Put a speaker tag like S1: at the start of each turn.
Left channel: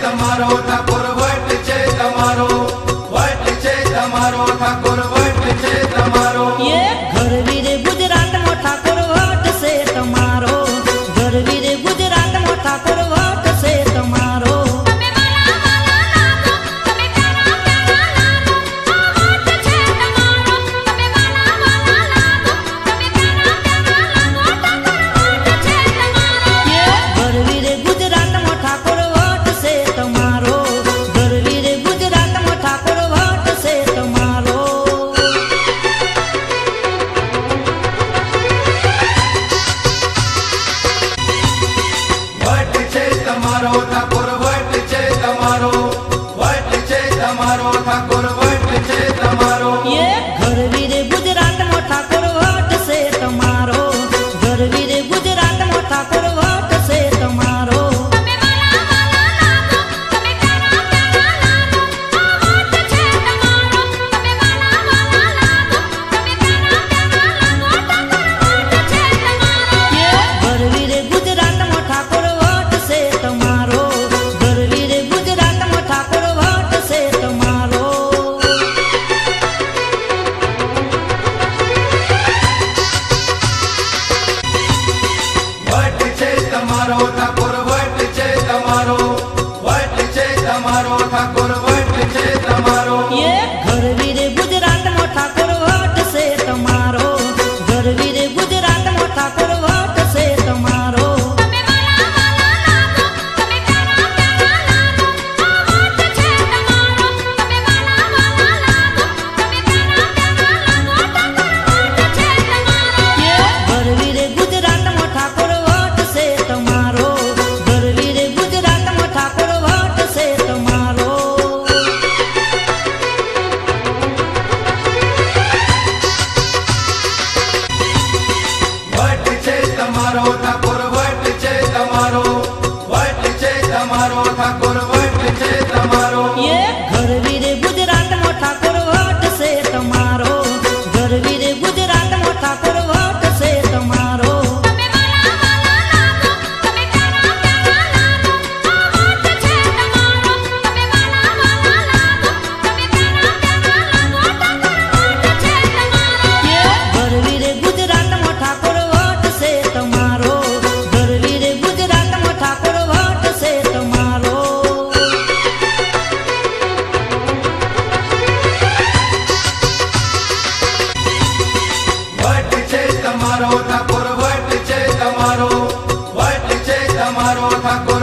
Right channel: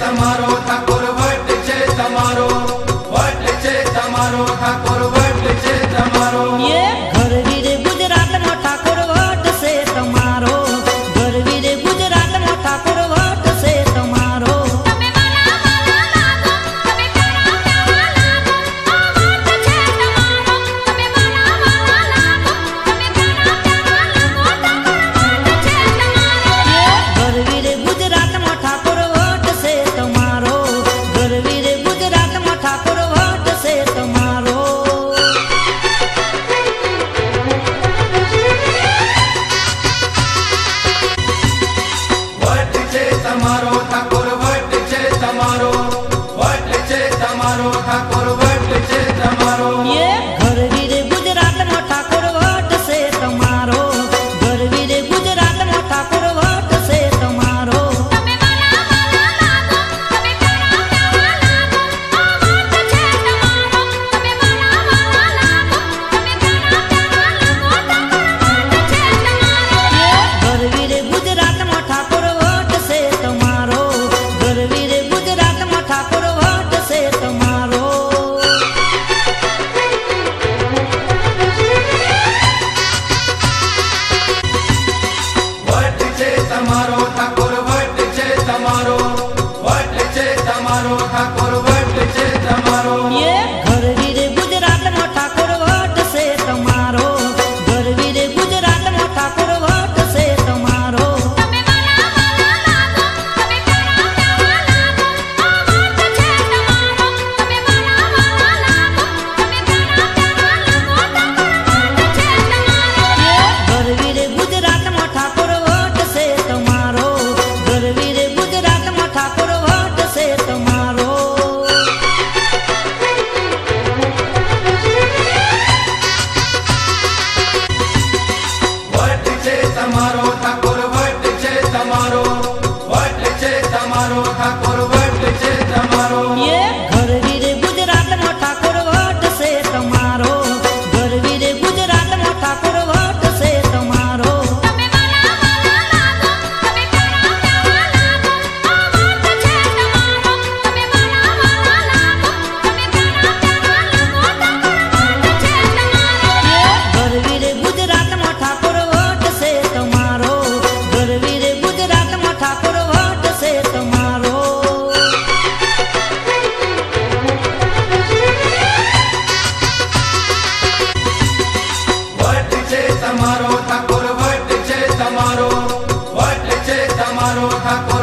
S1: તમારો ઠાકોર, વટ છે તમારો. વટ છે તમારો ઠાકોર, વટ છે તમારો.
S2: ઘરવીર ગુજરાત ઠાકોર, વટ છે તમારો. ઘરવીર ગુજરાત ઠાકોર તમારો
S3: ઠાકોર Marotta. તમારો.
S2: ઠાકોર વટ છે તમારો. વટ છે તમારો
S1: ઠાકોર.